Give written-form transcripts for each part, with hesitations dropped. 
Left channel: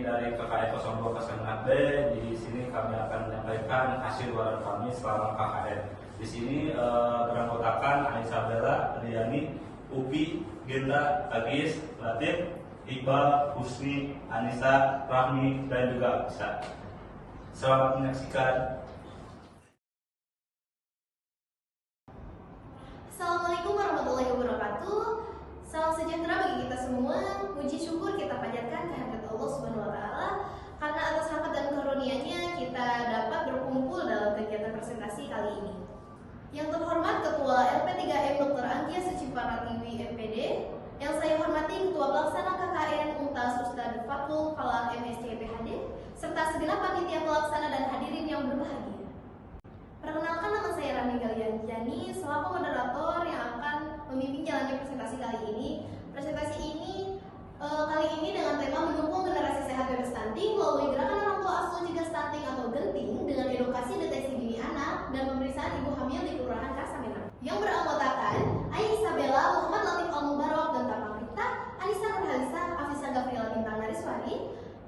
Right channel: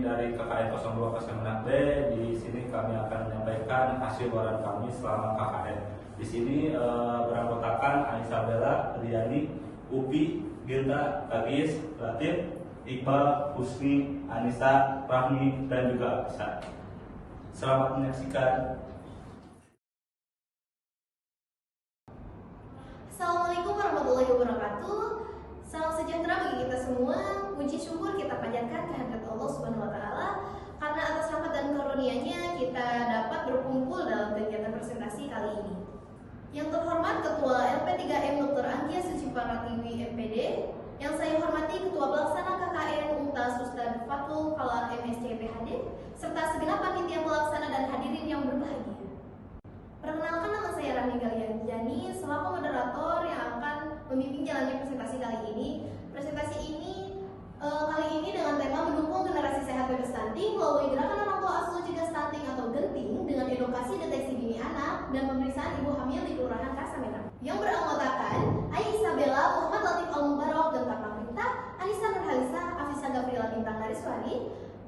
dari KKN 0206B. Di sini kami akan menyampaikan hasil waran kami selama KKN. Di sini beranggotakan Anissa Bella, Riani, Upi, Gendra, Agis, Latif, Iqbal, Husni, Anissa, Rahmi, dan juga Isa. Selamat menyaksikan. Assalamualaikum warahmatullahi wabarakatuh. Salam sejahtera bagi kita semua. Puji syukur kita panjatkan kehadirat Allah Subhanahu wa taala karena atas rahmat dan karunia-Nya kita dapat berkumpul dalam kegiatan presentasi kali ini. Yang terhormat Ketua LP3M Dr. Anggia Suciparatiwi MPD, yang saya hormati Ketua Pelaksana KKN UNTAS Ustadz Fatul Kala MSc PhD, serta segenap panitia pelaksana dan hadirin yang berbahagia. Perkenalkan, nama saya Rani Galianjani selaku moderator yang akan memimpin jalannya presentasi kali ini. Presentasi ini kali ini dengan tema mendukung generasi sehat bebas stunting melalui gerakan orang tua asuh cegah stunting atau genting dengan edukasi deteksi dini anak dan pemeriksaan ibu hamil di Kelurahan Kasamerang. Yang beranggotakan Aisyah Bella, Muhammad Latif Al-Mubarak dan Tamarita, Anissa Nurhalisa, Afisa Gabriela Bintang Nariswari,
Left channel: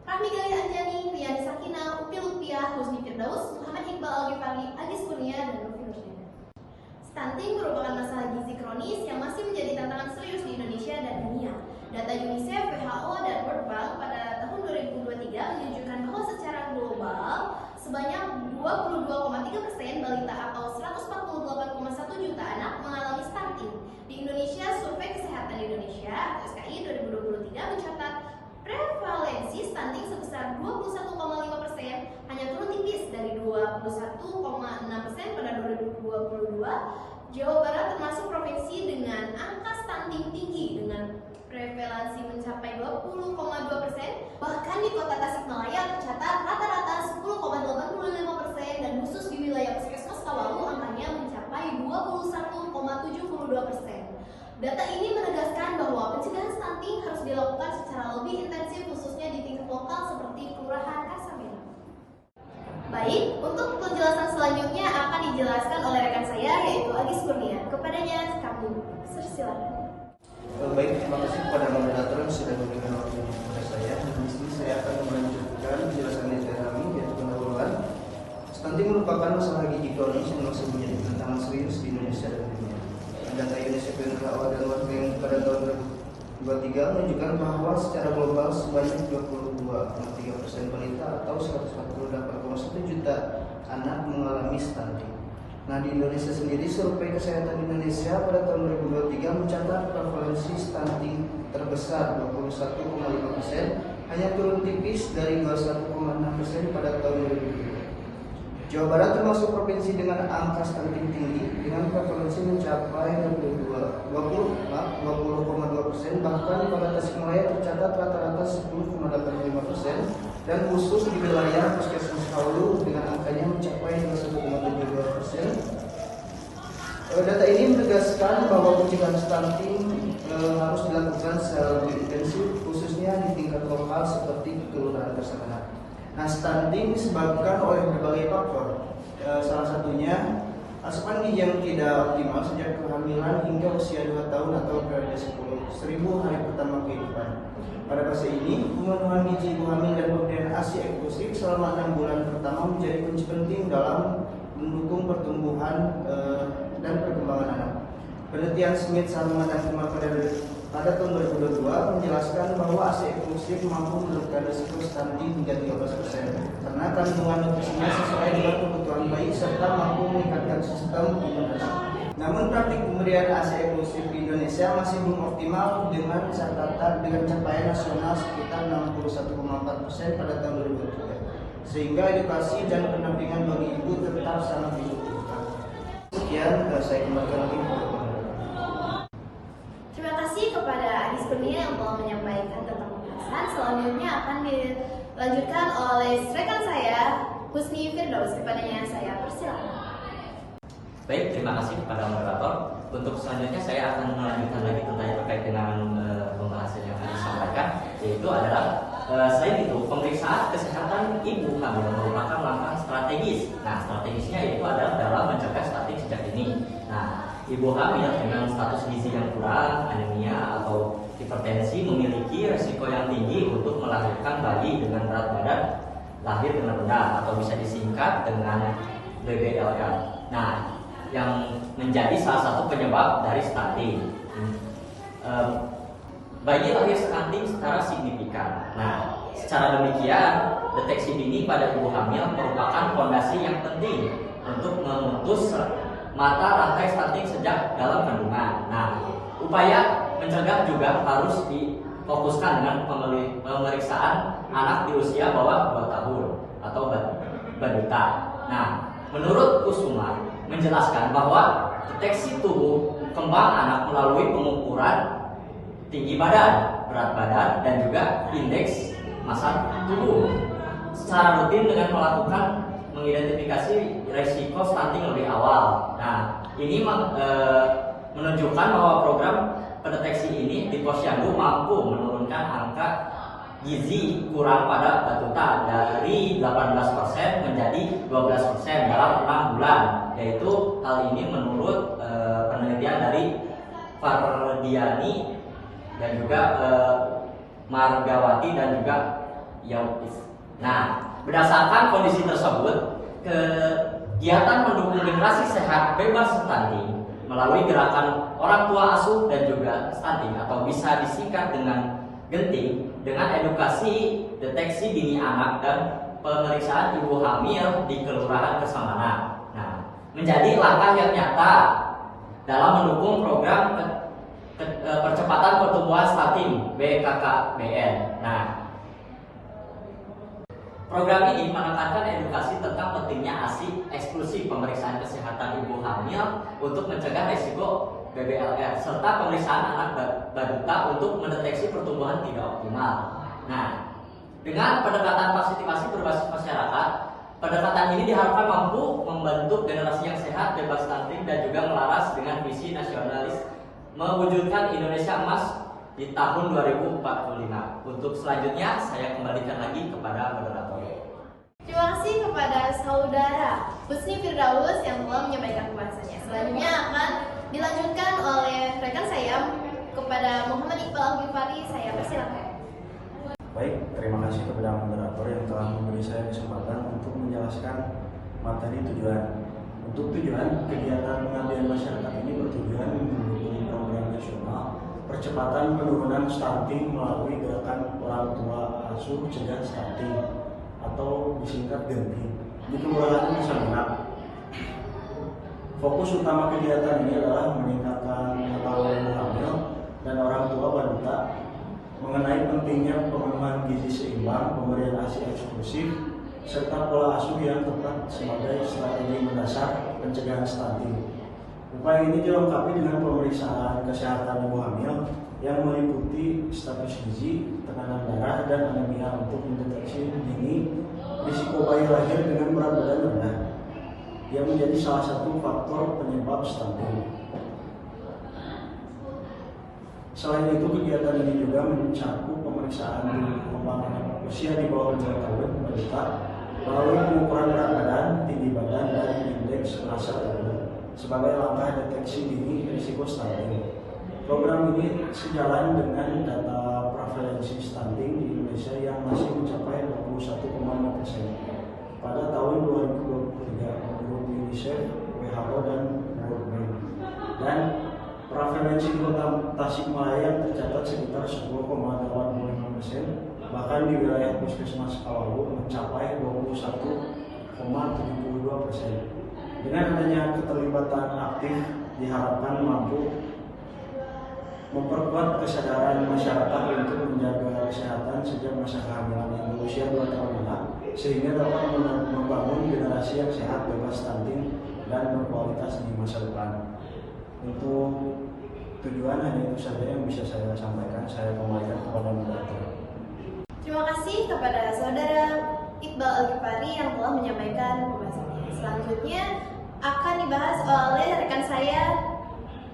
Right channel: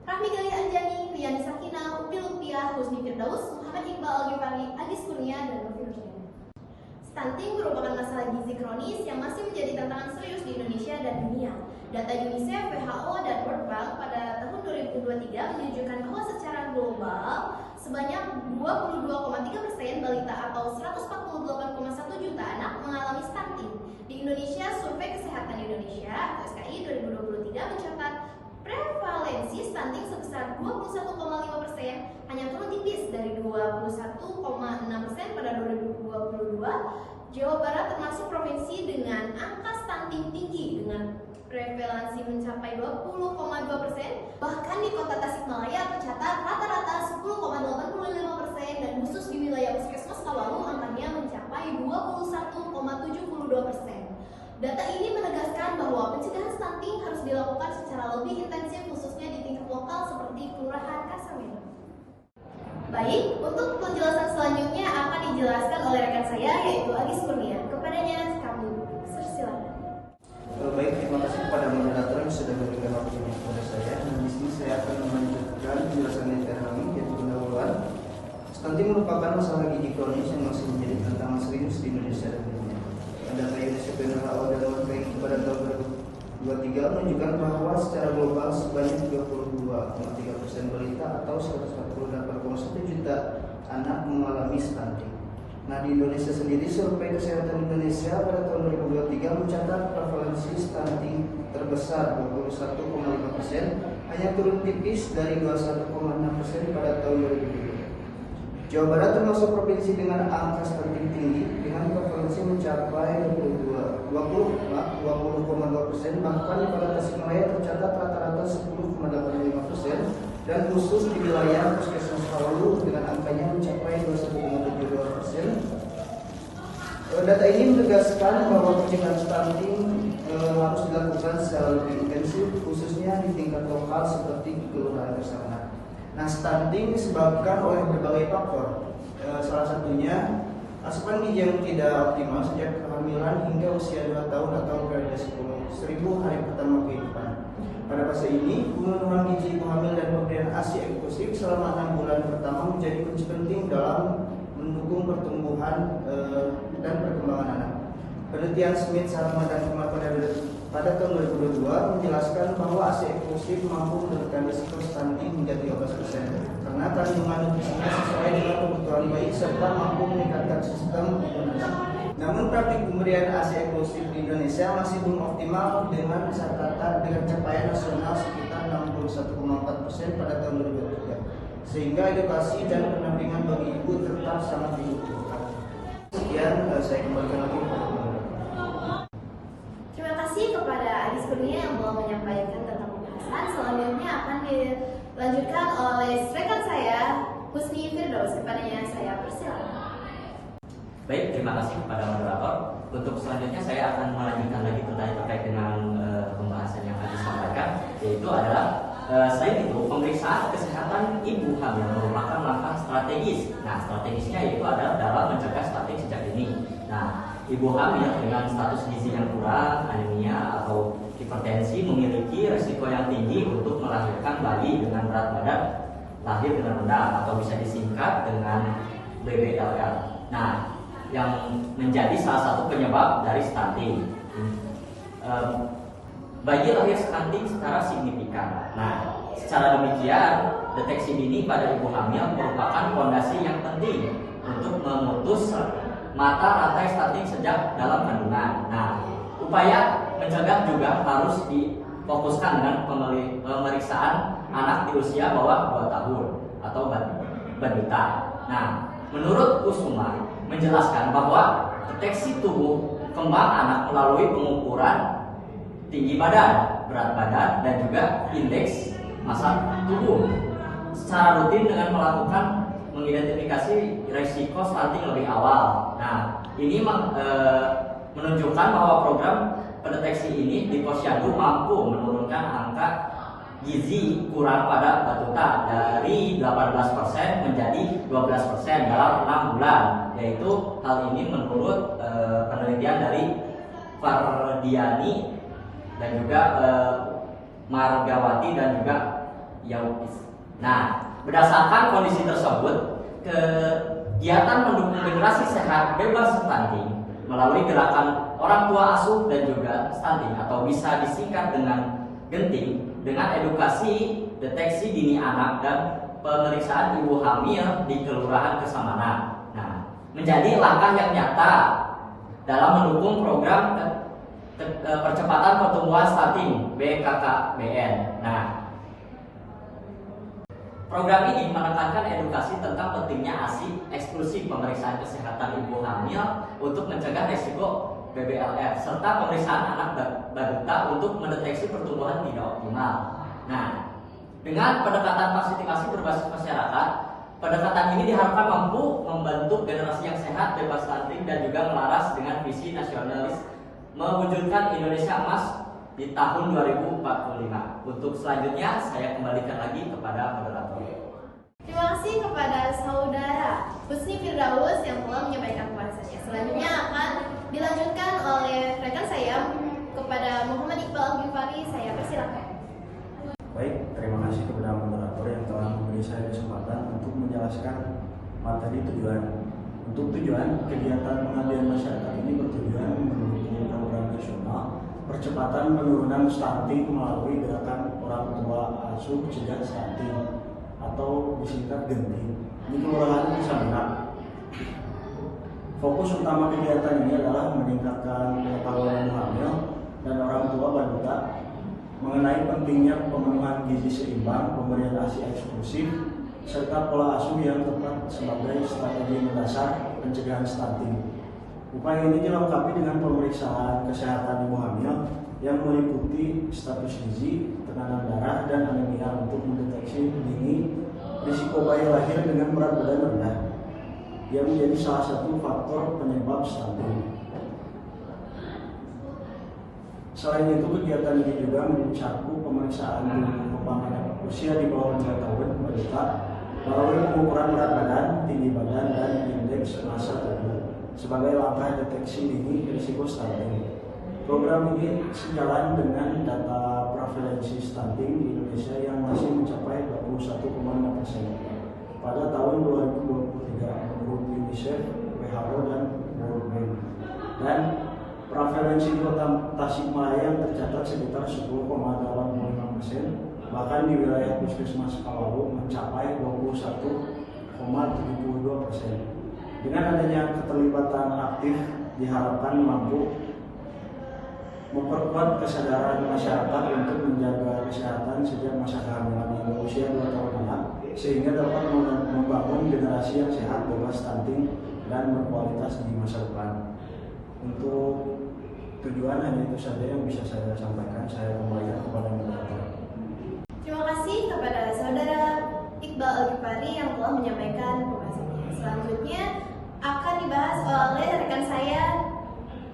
Rahmi Gali Anjani, Riani Sakina, Upi Lutfiah, Husni Firdaus, Muhammad Iqbal Al-Ghifari, Agis Kurnia, dan Novi Nurjana. Stunting merupakan masalah gizi kronis yang masih menjadi tantangan serius di Indonesia dan dunia. Data UNICEF, WHO, dan World Bank pada tahun 2023 menunjukkan bahwa secara global sebanyak 22,3% balita atau 148,1 juta anak mengalami stunting. Di Indonesia, Survei Kesehatan Indonesia atau SKI 2023 mencatat prevalensi stunting sebesar 21,5%, hanya turun tipis dari 21,6% pada 2022. Jawa Barat termasuk provinsi dengan angka stunting tinggi dengan prevalensi mencapai 20,2%. Bahkan di kota Tasikmalaya tercatat rata-rata 10,85% dan khusus di wilayah Puskesmas Kawalu angkanya mencapai 21,72%. Data ini menegaskan bahwa pencegahan stunting harus dilakukan secara lebih intensif khususnya di tingkat lokal seperti Kelurahan Kasamerang. Baik, untuk penjelasan selanjutnya akan dijelaskan oleh rekan saya yaitu Agis Kurnia. Kepadanya kami silakan. Baik, terima kasih kepada moderator yang sudah memberikan waktunya kepada saya. Dan di sini saya akan melanjutkan penjelasan dari kami yaitu pendahuluan. Stunting merupakan masalah gizi kronis yang masih menjadi tantangan serius di Indonesia dan dunia. Data UNICEF dan WHO dalam World Bank pada tahun 2023 menunjukkan bahwa secara global sebanyak 22,3% balita atau 148,1 juta anak mengalami stunting. Nah, di Indonesia sendiri, Survei Kesehatan Indonesia pada tahun 2023 mencatat prevalensi stunting terbesar 21,5%, hanya turun tipis dari 21,6% pada tahun 2002. Jawa Barat termasuk provinsi dengan angka stunting tinggi dengan prevalensi mencapai 20,2%, bahkan di Kota Tasikmalaya tercatat rata-rata 10,85% dan khusus di wilayah Puskesmas Kawalu dengan angkanya mencapai 21,72%. Data ini menegaskan bahwa pencegahan stunting harus dilakukan secara lebih intensif khususnya di tingkat lokal seperti Kelurahan Kasamerang. Nah, stunting disebabkan oleh berbagai faktor. Salah satunya asupan gizi yang tidak optimal sejak kehamilan hingga usia 2 tahun atau pada 10.000 hari pertama kehidupan. Pada fase ini, pemenuhan gizi ibu hamil dan pemberian ASI eksklusif selama 6 bulan pertama menjadi kunci penting dalam mendukung pertumbuhan dan perkembangan anak. Penelitian Smith, Sarma, dan Firman pada tahun 2022 menjelaskan bahwa ASI eksklusif mampu menurunkan risiko stunting hingga 13% karena kandungan nutrisinya sesuai dengan kebutuhan bayi serta mampu meningkatkan sistem imunitas. Namun praktik pemberian ASI eksklusif di Indonesia masih belum optimal dengan catatan dengan capaian nasional sekitar 61,4% pada tahun 2003, sehingga edukasi dan pendampingan bagi ibu tetap sangat dibutuhkan. Sekian, saya kembalikan lagi kepada Terima kasih kepada Agis Kurnia yang telah menyampaikan tentang pembahasan. Selanjutnya akan dilanjutkan oleh rekan saya Husni Firdaus. Kepadanya saya persilakan. Baik, terima kasih kepada moderator. Untuk selanjutnya saya akan melanjutkan lagi tentang terkait dengan pembahasan yang tadi disampaikan, yaitu adalah selain itu pemeriksaan kesehatan ibu hamil merupakan langkah strategis. Nah, strategisnya yaitu adalah dalam mencegah stunting sejak dini. Nah, ibu hamil dengan status gizi yang kurang, anemia atau hipertensi memiliki risiko yang tinggi untuk melahirkan bayi dengan berat badan lahir dengan rendah atau bisa disingkat dengan BBLL. Nah, yang menjadi salah satu penyebab dari stunting. Bayi lahir stunting secara signifikan. Nah, secara demikian, deteksi dini pada ibu hamil merupakan fondasi yang penting untuk memutus mata rantai stunting sejak dalam kandungan. Nah, upaya mencegah juga harus difokuskan dengan pemeriksaan anak di usia bawah 2 tahun atau balita. Nah, menurut Kusuma menjelaskan bahwa deteksi tubuh kembang anak melalui pengukuran tinggi badan, berat badan, dan juga indeks massa tubuh secara rutin dengan melakukan mengidentifikasi risiko stunting lebih awal. Nah, ini menunjukkan bahwa program pendeteksi ini di Posyandu mampu menurunkan angka gizi kurang pada batuta dari 18% menjadi 12% dalam 6 bulan. Yaitu hal ini menurut penelitian dari Fardiani dan juga Margawati dan juga Yautis. Nah, berdasarkan kondisi tersebut, kegiatan mendukung generasi sehat bebas stunting melalui gerakan orang tua asuh dan juga stunting atau bisa disingkat dengan genting dengan edukasi deteksi dini anak dan pemeriksaan ibu hamil di Kelurahan Kesamanan. Nah, menjadi langkah yang nyata dalam mendukung program percepatan pertumbuhan stunting BKKBN. Nah, program ini menekankan edukasi tentang pentingnya ASI eksklusif pemeriksaan kesehatan ibu hamil untuk mencegah risiko BBLR serta pemeriksaan anak balita untuk mendeteksi pertumbuhan tidak optimal. Nah, dengan pendekatan partisipasi berbasis masyarakat, pendekatan ini diharapkan mampu membentuk generasi yang sehat, bebas stunting, dan juga melaras dengan visi nasionalis mewujudkan Indonesia Emas di tahun 2045. Untuk selanjutnya saya kembalikan lagi kepada moderator. Terima kasih kepada saudara Husni Firdaus yang telah menyampaikan pembahasannya. Selanjutnya akan dilanjutkan oleh rekan saya kepada Muhammad Iqbal Ghifari. Saya persilakan. Baik, terima kasih kepada moderator yang telah memberi saya kesempatan untuk menjelaskan materi tujuan. Untuk tujuan, kegiatan pengabdian masyarakat ini bertujuan mendukung program nasional percepatan penurunan stunting melalui gerakan orang tua asuh cegah stunting atau disingkat genting di Kelurahan Kesamanan. Fokus utama kegiatan ini adalah meningkatkan pengetahuan hamil dan orang tua balita mengenai pentingnya pemenuhan gizi seimbang, pemberian ASI eksklusif, serta pola asuh yang tepat sebagai strategi mendasar pencegahan stunting. Upaya ini dilengkapi dengan pemeriksaan kesehatan ibu hamil yang meliputi status gizi, tekanan darah, dan anemia untuk mendeteksi dini risiko bayi lahir dengan berat badan rendah yang menjadi salah satu faktor penyebab stunting. Selain itu, kegiatan ini juga mencakup pemeriksaan kembang anak usia di bawah 2 tahun balita melalui pengukuran berat badan, tinggi badan, dan indeks massa tubuh sebagai langkah deteksi dini risiko stunting. Program ini sejalan dengan data prevalensi stunting di Indonesia yang masih mencapai 21,5% pada tahun 2023 menurut UNICEF, WHO, dan World Bank. Dan prevalensi kota Tasikmalaya yang tercatat sekitar 10,85%, bahkan di wilayah Puskesmas Kawalu mencapai 21,72%. Dengan adanya keterlibatan aktif diharapkan mampu memperkuat kesadaran masyarakat untuk menjaga kesehatan sejak masa kehamilan hingga usia 2 tahun anak, sehingga dapat membangun generasi yang sehat, bebas stunting, dan berkualitas di masa depan. Untuk tujuan hanya itu saja yang bisa saya sampaikan. Saya kembalikan kepada moderator. Terima kasih kepada saudara Iqbal Al-Ghifari yang telah menyampaikan pembahasannya. Selanjutnya akan dibahas oleh rekan saya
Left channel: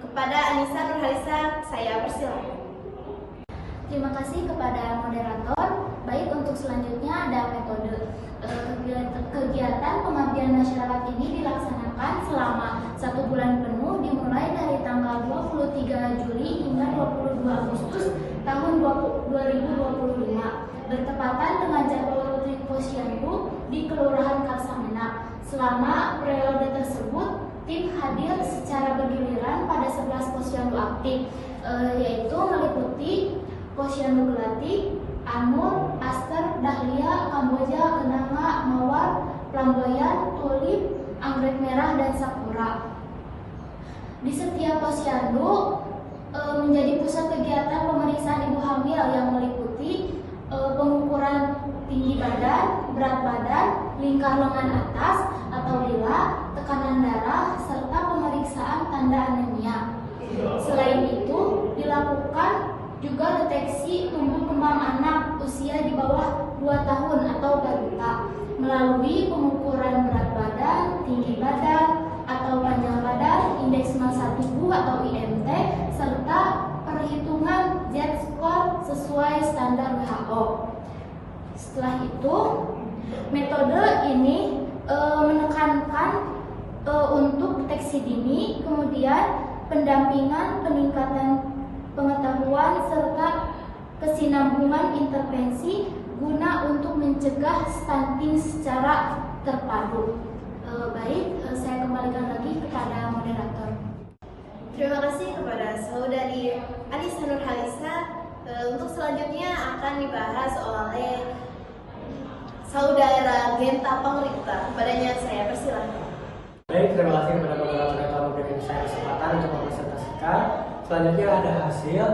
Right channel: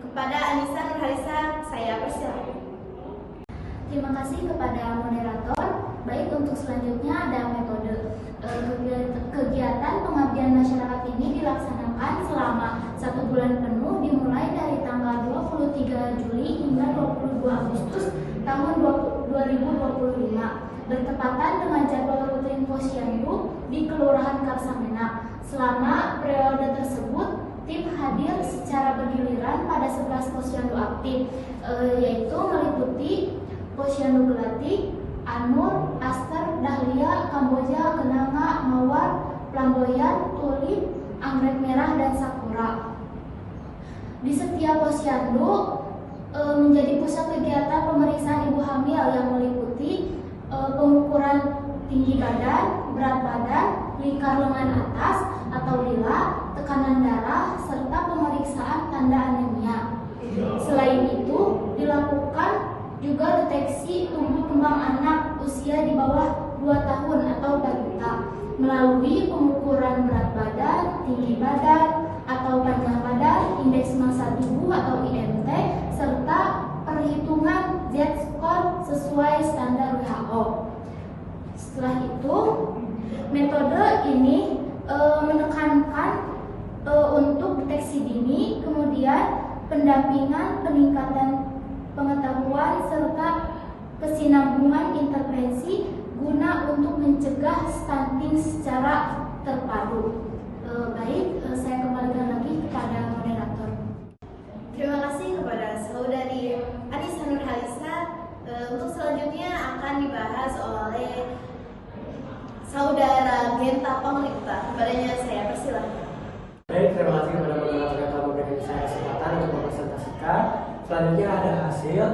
kepada Anissa Nurhalisa. Saya persilakan. Terima kasih kepada moderator. Baik, untuk selanjutnya ada metode. Kegiatan pengabdian masyarakat ini dilaksanakan selama 1 bulan penuh dimulai dari tahun 2025 bertepatan dengan jadwal rutin posyandu di Kelurahan Karsamena. Selama periode tersebut, tim hadir secara bergiliran pada 11 posyandu aktif, yaitu meliputi Posyandu Gelati, Anur, Aster, Dahlia, Kamboja, Kenanga, Mawar, Flamboyan, Tulip, Anggrek Merah, dan Sakura. Di setiap posyandu menjadi pusat kegiatan pemeriksaan ibu hamil yang meliputi pengukuran tinggi badan, berat badan, lingkar lengan atas atau lila, tekanan darah, serta pemeriksaan tanda anemia. Selain itu, dilakukan juga deteksi tumbuh kembang anak usia di bawah 2 tahun atau balita melalui pengukuran berat badan, tinggi badan atau panjang badan, indeks massa tubuh atau IMT, serta perhitungan Z-score sesuai standar WHO. Setelah itu, metode ini menekankan untuk deteksi dini, kemudian pendampingan, peningkatan pengetahuan, serta kesinambungan intervensi guna untuk mencegah stunting secara terpadu. Baik, saya kembalikan lagi kepada moderator. Terima kasih kepada saudari Anissa Nurhalisa. Untuk selanjutnya akan dibahas oleh saudara Genta Pangripta. Kepadanya saya persilahkan. Baik, terima kasih kepada moderator memberikan saya kesempatan untuk mempresentasikan. Selanjutnya ada hasil.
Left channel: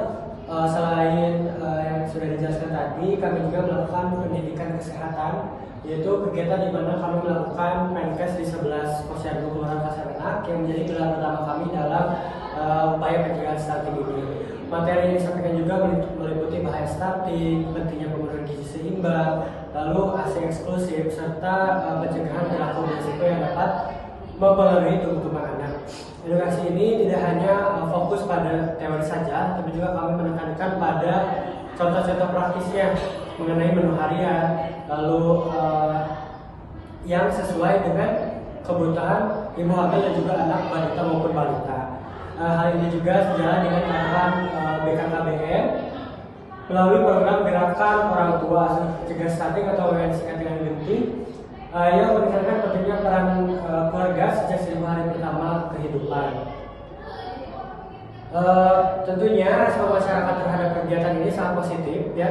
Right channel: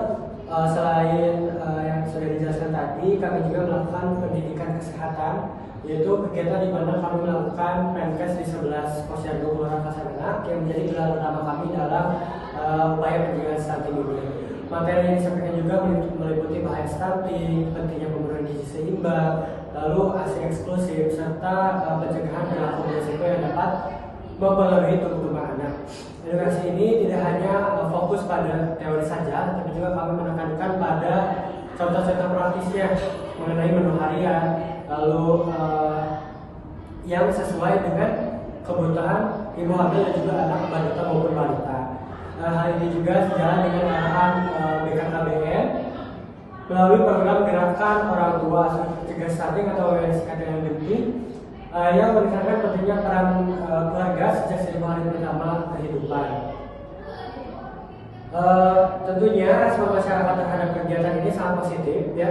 Selain yang sudah dijelaskan tadi, kami juga melakukan pendidikan kesehatan, yaitu kegiatan di mana kami melakukan Penkes di 11 posyandu Kelurahan Karsamena yang menjadi gelar utama kami dalam upaya pencegahan stunting ini. Materi yang disampaikan juga meliputi bahaya stunting, pentingnya pemenuhan gizi seimbang, lalu ASI eksklusif, serta pencegahan perilaku berisiko yang dapat mempengaruhi tumbuh kembang anak. Edukasi ini tidak hanya fokus pada teori saja, tapi juga kami menekankan pada contoh-contoh praktisnya mengenai menu harian, lalu yang sesuai dengan kebutuhan ibu hamil dan juga anak balita maupun balita. Hal ini juga sejalan dengan arahan BKKBN melalui program gerakan orang tua cegah stunting atau yang disingkat dengan GENTI, yang meningkatkan pentingnya peran keluarga sejak 1000 hari pertama kehidupan. Tentunya respon masyarakat terhadap kegiatan ini sangat positif, ya.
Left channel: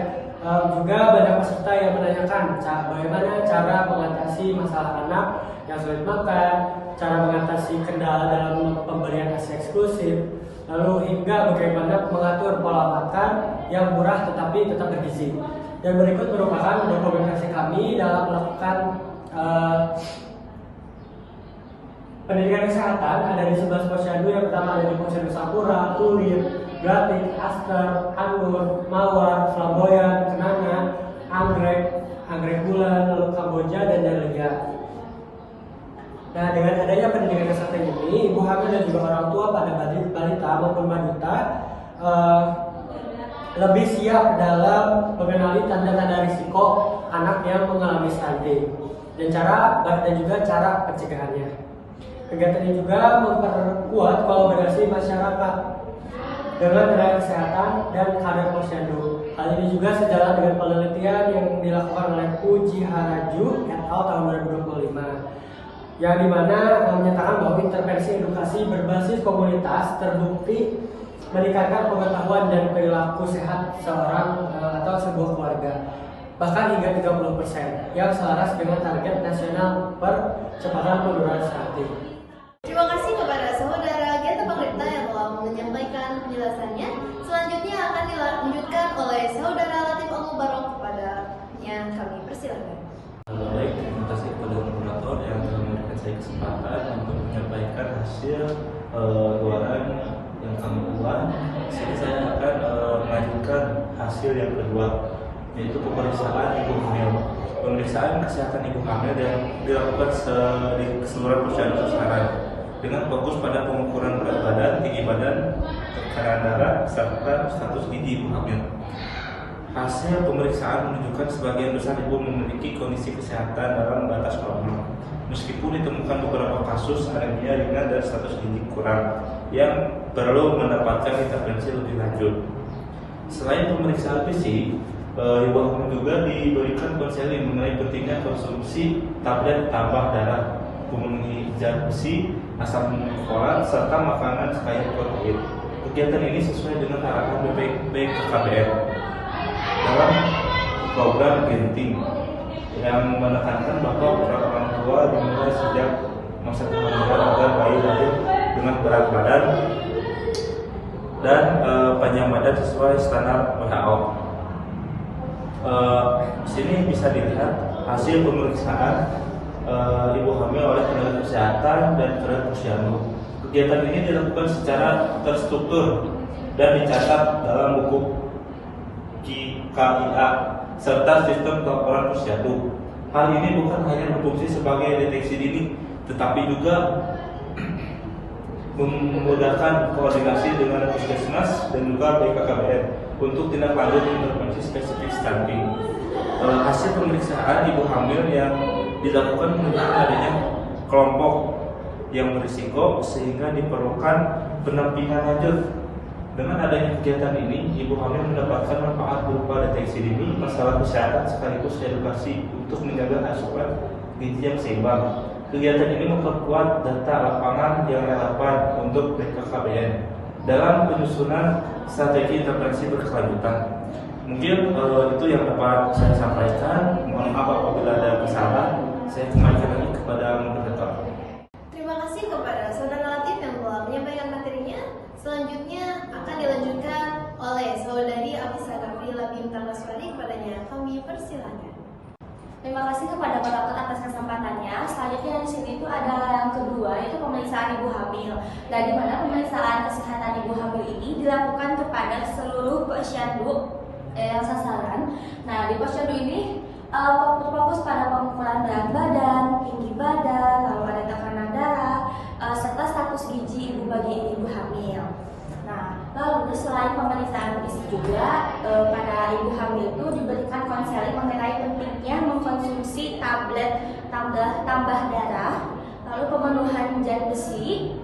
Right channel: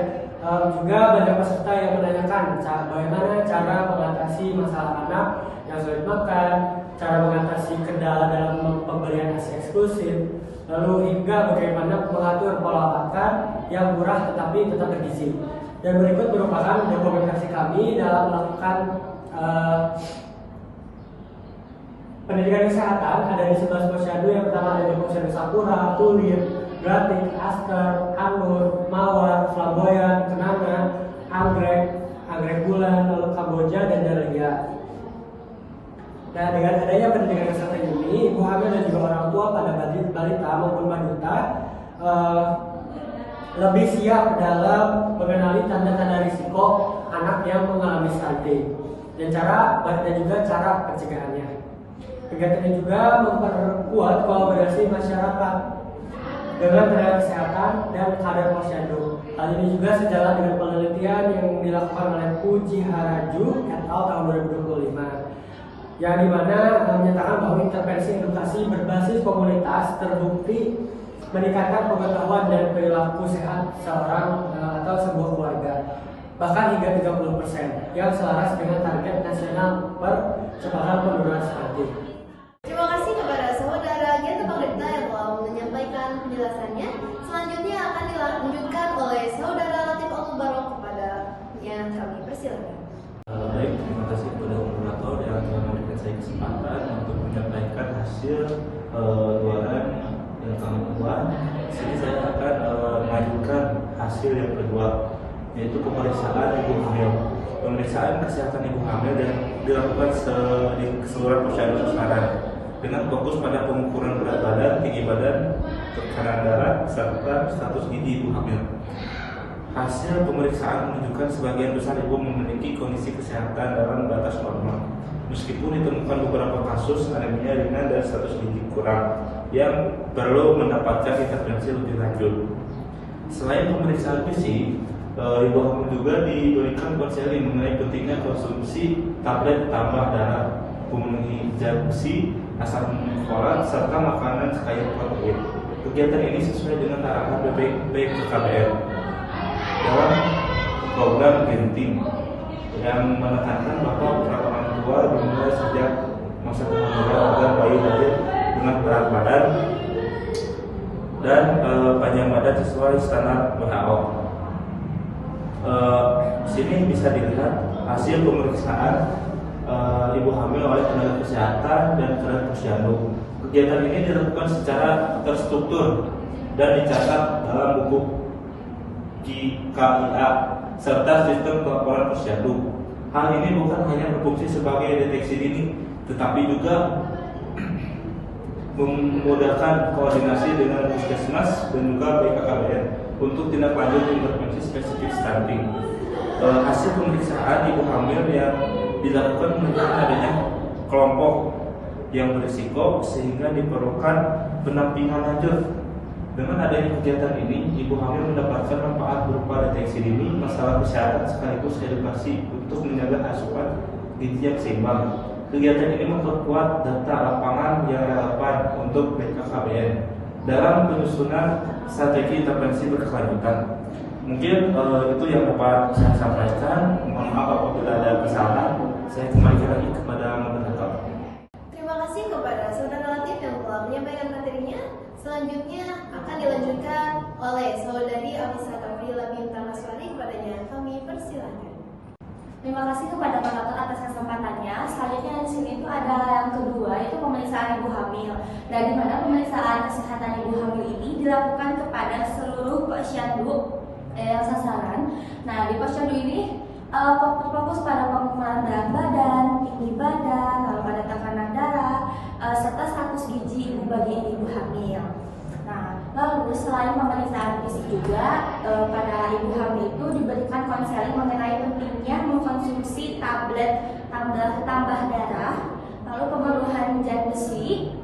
Juga banyak peserta yang menanyakan bagaimana cara mengatasi masalah anak yang sulit makan, cara mengatasi kendala dalam pemberian ASI eksklusif, lalu hingga bagaimana mengatur pola makan yang murah tetapi tetap bergizi. Dan berikut merupakan dokumentasi kami dalam melakukan pendidikan kesehatan. Ada di 11 posyandu. Yang pertama ada di Posyandu Sakura, Tulip, Gratik, Aster, Anur, Mawar, Flamboyan, Kenanga, Anggrek Bulan, lalu Kamboja, dan Dahlia. Nah, dengan adanya pendidikan kesehatan ini, ibu hamil dan juga orang tua pada balita maupun balita lebih siap dalam mengenali tanda-tanda risiko anak yang mengalami stunting dan juga cara pencegahannya. Kegiatan ini juga memperkuat kolaborasi masyarakat dengan tenaga kesehatan dan kader posyandu. Hal ini juga sejalan dengan penelitian yang dilakukan oleh Puji Haraju et al. Tahun 2025, yang dimana menyatakan bahwa intervensi edukasi berbasis komunitas terbukti meningkatkan pengetahuan dan perilaku sehat seorang atau sebuah keluarga, bahkan hingga 30%, yang selaras dengan target nasional percepatan penurunan stunting. Terima kasih kepada saudara Genta Pangripta yang telah menyampaikan penjelasannya. Selanjutnya akan dilanjutkan oleh saudara Latif Al-Mubarok. Kepadanya kami persilakan. Baik, terima kasih kepada moderator yang telah memberikan saya kesempatan untuk menyampaikan hasil luaran yang kami buat. Di sini saya akan mengajukan hasil yang kedua, yaitu pemeriksaan ibu hamil. Pemeriksaan kesehatan ibu hamil yang dilakukan di keseluruhan posyandu Karsamena dengan fokus pada pengukuran berat badan, tinggi badan, tekanan darah, serta status gizi ibu hamil. Hasil pemeriksaan menunjukkan sebagian besar ibu memiliki kondisi kesehatan dalam batas normal, meskipun ditemukan beberapa kasus anemia ringan dan status gizi kurang yang perlu mendapatkan intervensi lebih lanjut. Selain pemeriksaan fisik, ibu hamil juga diberikan konseling mengenai pentingnya konsumsi tablet tambah darah, pemenuhi zat besi, asam folat, serta makanan kaya protein. Kegiatan ini sesuai dengan arahan BPKBN dalam program Genting yang menekankan bahwa peran orang tua dimulai sejak masa kehamilan agar bayi lahir dengan berat badan dan panjang badan sesuai standar WHO. Di sini bisa dilihat hasil pemeriksaan ibu hamil oleh tenaga kesehatan dan tenaga posyandu. Kegiatan ini dilakukan secara terstruktur dan dicatat dalam buku KIA serta sistem pelaporan posyandu. Hal ini bukan hanya berfungsi sebagai deteksi dini, tetapi juga memudahkan koordinasi dengan puskesmas dan juga BKKBN untuk tindak lanjut intervensi spesifik stunting. Hasil pemeriksaan ibu hamil yang dilakukan menunjukkan adanya kelompok yang berisiko sehingga diperlukan pendampingan lanjut. Dengan adanya kegiatan ini, ibu hamil mendapatkan manfaat berupa deteksi dini masalah kesehatan sekaligus edukasi untuk menjaga asupan gizi yang seimbang. Kegiatan ini memperkuat data lapangan yang relevan untuk BKKBN dalam penyusunan strategi intervensi berkelanjutan. Mungkin itu yang dapat saya sampaikan. Mohon maaf apabila ada kesalahan. Saya kembalikan lagi kepada moderator. Terima kasih kepada Saudara Latif yang telah menyampaikan materinya. Selanjutnya akan dilanjutkan oleh Saudari Afisa Gavrila Bintang Maswari. Kepadanya kami persilakan. Terima kasih kepada moderator atas kesempatannya. Selanjutnya di sini itu ada yang kedua, itu pemeriksaan ibu hamil. Dan di mana pemeriksaan kesehatan ibu hamil ini dilakukan kepada seluruh posyandu yang sasaran. Nah, di posyandu ini fokus pada pengukuran berat badan, tinggi badan, lalu ada tekanan darah, serta status gizi ibu bagi ibu hamil. Nah, lalu selain pemeriksaan fisik juga pada ibu hamil itu diberikan konseling mengenai pentingnya mengkonsumsi tablet tambah darah, lalu pemenuhan zat besi,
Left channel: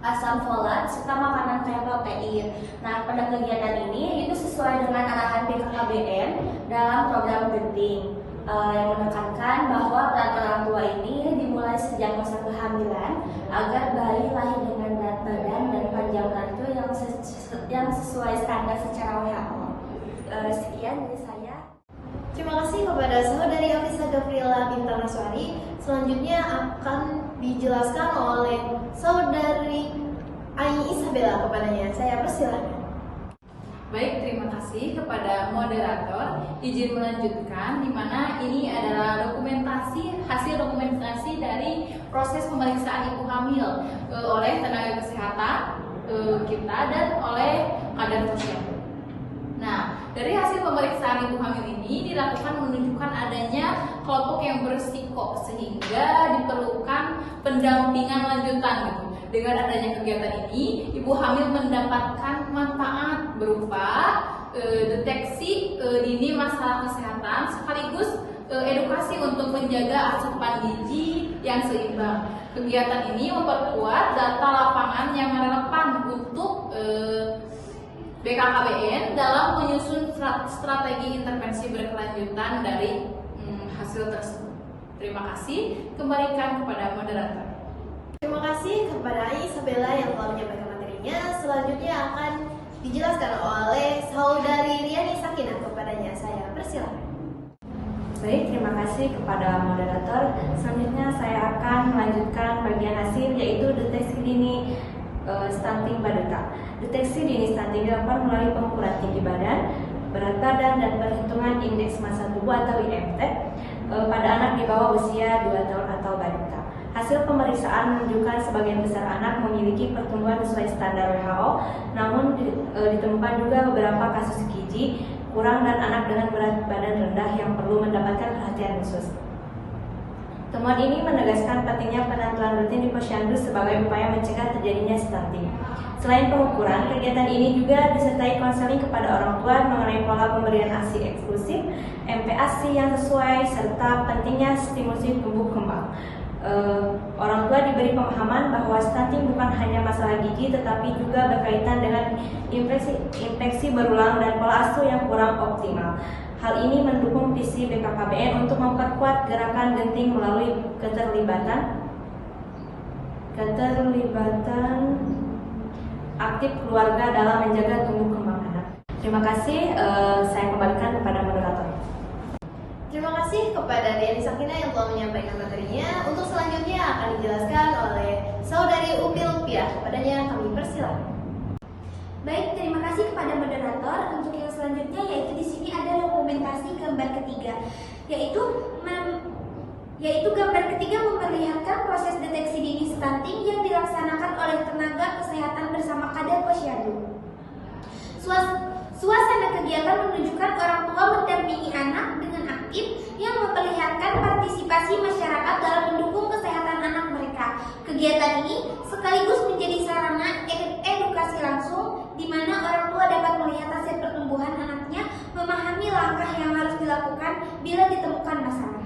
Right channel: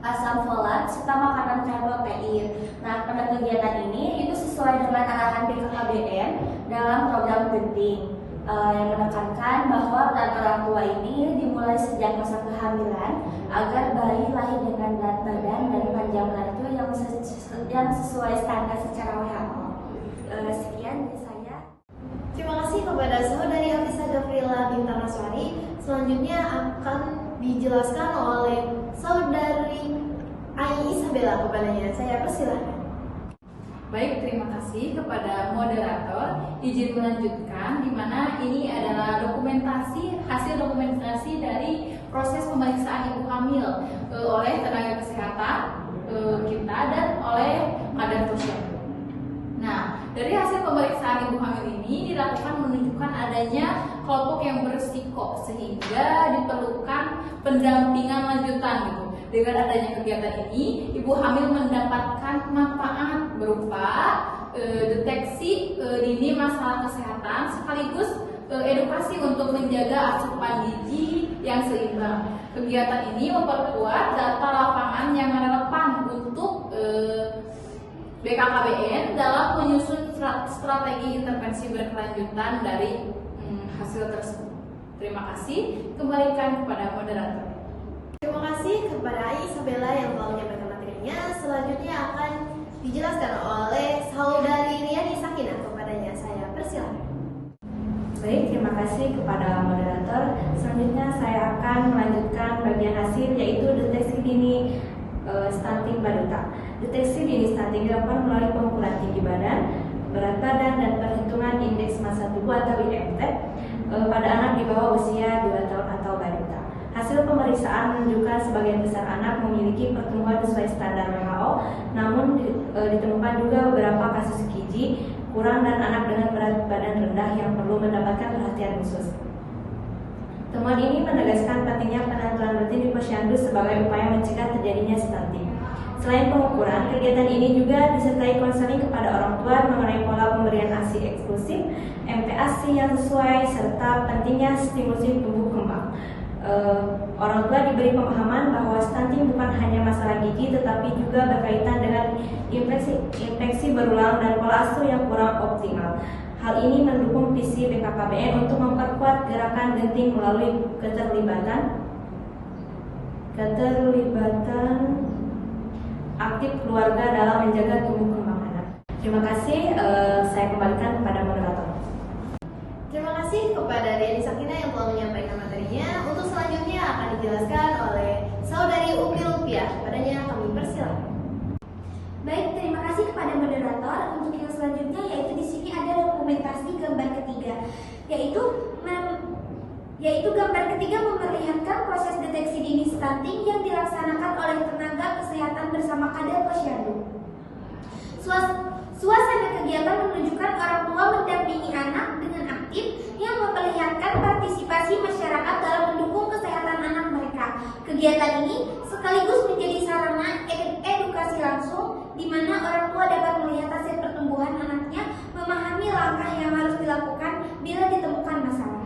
asam folat, serta makanan kaya protein. Nah, pada kegiatan ini itu sesuai dengan arahan BKKBN dalam program Genting yang menekankan bahwa peran orang tua ini dimulai sejak masa kehamilan agar bayi lahir dengan berat badan dan panjang badan itu yang sesuai standar secara WHO. Sekian dari saya. Terima kasih kepada Saudari Afisa Gavrila Bintang Maswari. Selanjutnya akan dijelaskan oleh Saudari Ai Isabella. Kepadanya saya persilahkan. Baik, terima kasih kepada moderator. Izin melanjutkan, di mana ini adalah hasil dokumentasi dari proses pemeriksaan ibu hamil oleh tenaga kesehatan kita dan oleh kader posyandu. Nah, dari hasil pemeriksaan ibu hamil ini dilakukan menunjukkan adanya kelompok yang berisiko sehingga diperlukan pendampingan lanjutan gitu. Dengan adanya kegiatan ini, ibu hamil mendapatkan manfaat berupa deteksi dini masalah kesehatan sekaligus edukasi untuk menjaga asupan gizi yang seimbang. Kegiatan ini memperkuat data lapangan yang relevan untuk BKKBN dalam menyusun strategi intervensi berkelanjutan dari hasil tersebut. Terima kasih. Kembalikan kepada moderator. Terima kasih kepada Ai Isabella yang telah menyampaikan materinya. Selanjutnya akan dijelaskan oleh Saudari Riani Sakinah. Kepadanya saya persilakan. Baik, terima kasih kepada moderator. Selanjutnya saya akan melanjutkan bagian hasil, yaitu deteksi dini stunting balita. Deteksi dini stunting dilakukan melalui pengukuran tinggi badan, berat badan, dan perhitungan indeks massa tubuh atau IMT pada anak di bawah usia 2 tahun atau balita. Hasil pemeriksaan menunjukkan sebagian besar anak memiliki pertumbuhan sesuai standar WHO, namun ditemukan juga beberapa kasus gizi kurang dan anak dengan berat badan rendah yang perlu mendapatkan perhatian khusus. Temuan ini menegaskan pentingnya penentuan rutin di posyandu sebagai upaya mencegah terjadinya stunting. Selain pengukuran, kegiatan ini juga disertai konseling kepada orang tua mengenai pola pemberian ASI eksklusif, MPASI yang sesuai, serta pentingnya stimulasi tumbuh kembang. Orang tua diberi pemahaman bahwa stunting bukan hanya masalah gigi tetapi juga berkaitan dengan infeksi berulang dan pola asuh yang kurang optimal. Hal ini mendukung visi BKKBN untuk memperkuat gerakan genting melalui keterlibatan aktif keluarga dalam menjaga tumbuh kembang anak. Terima kasih, saya kembalikan kepada moderator. Terima kasih kepada Diani Sakina yang telah menyampaikan materinya. Untuk selanjutnya akan dijelaskan oleh Saudari Upil Lupiah. Kepadanya kami persilakan. Baik, terima kasih kepada moderator. Untuk yang selanjutnya yaitu di sini ada dokumentasi gambar ketiga, yaitu gambar ketiga memperlihatkan proses deteksi dini stunting yang dilaksanakan oleh tenaga kesehatan bersama Kader Posyandu. Suasana kegiatan menunjukkan orang tua mendampingi anak dengan aktif yang memperlihatkan partisipasi masyarakat dalam mendukung kesehatan anak mereka. Kegiatan ini sekaligus menjadi sarana edukasi langsung di mana orang tua dapat melihat hasil pertumbuhan anaknya, memahami langkah yang harus dilakukan bila ditemukan masalah.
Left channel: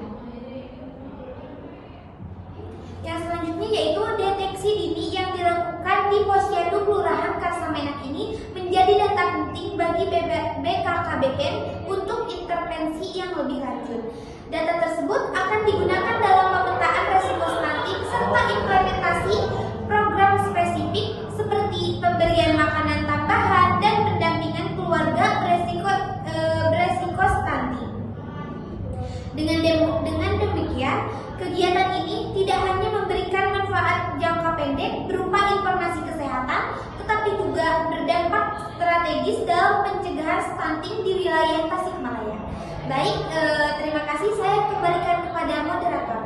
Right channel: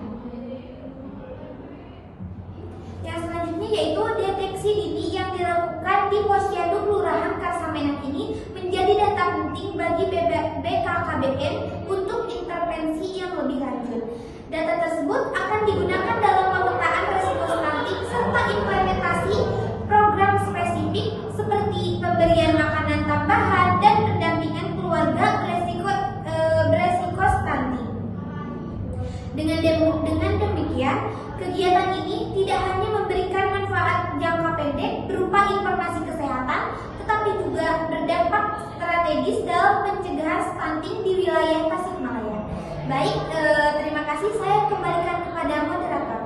Yang selanjutnya yaitu deteksi dini yang dilakukan di Posyandu Kelurahan Karsamenak ini menjadi data penting bagi BKKBN untuk intervensi yang lebih lanjut. Data tersebut akan digunakan dalam pemetaan resiko stunting serta implementasi program spesifik seperti pemberian makanan tambahan dan pendampingan keluarga beresiko stunting. Dengan demikian, kegiatan ini tidak hanya memberikan manfaat jangka pendek berupa informasi kesehatan, tetapi juga berdampak strategis dalam pencegahan stunting di wilayah Tasikmalaya. Baik, terima kasih. Saya kembalikan kepada moderator.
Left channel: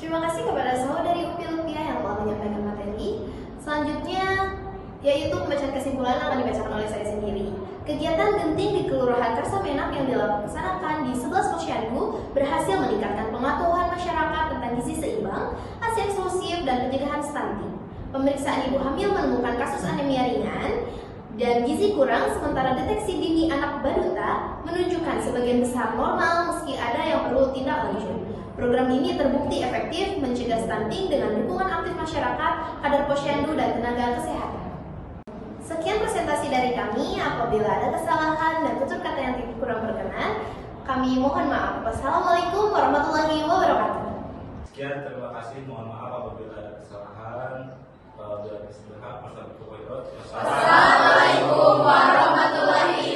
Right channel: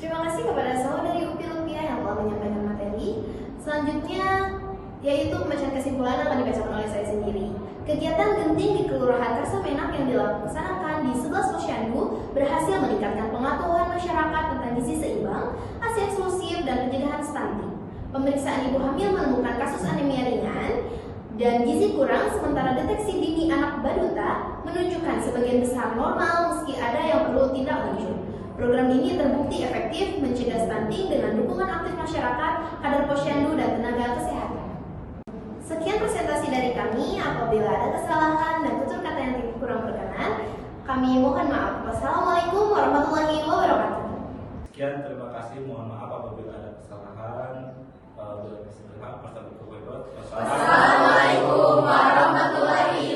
Terima kasih kepada Saudari Upil Lupiah yang telah menyampaikan materi. Selanjutnya yaitu pembacaan kesimpulan akan dibacakan oleh saya sendiri. Kegiatan genting di Kelurahan Karsamenak yang dilaksanakan di 11 Posyandu berhasil meningkatkan pengetahuan masyarakat tentang gizi seimbang, ASI eksklusif, dan pencegahan stunting. Pemeriksaan ibu hamil menemukan kasus anemia ringan dan gizi kurang, sementara deteksi dini anak balita menunjukkan sebagian besar normal meski ada yang perlu tindak lanjut. Program ini terbukti efektif mencegah stunting dengan dukungan aktif masyarakat, kader Posyandu, dan tenaga kesehatan. Sekian presentasi dari kami. Apabila ada kesalahan dan tutur kata yang kurang berkenan, kami mohon maaf. Wassalamualaikum warahmatullahi wabarakatuh. Sekian, terima kasih. Mohon maaf apabila ada kesalahan. Wassalamualaikum warahmatullahi wabarakatuh.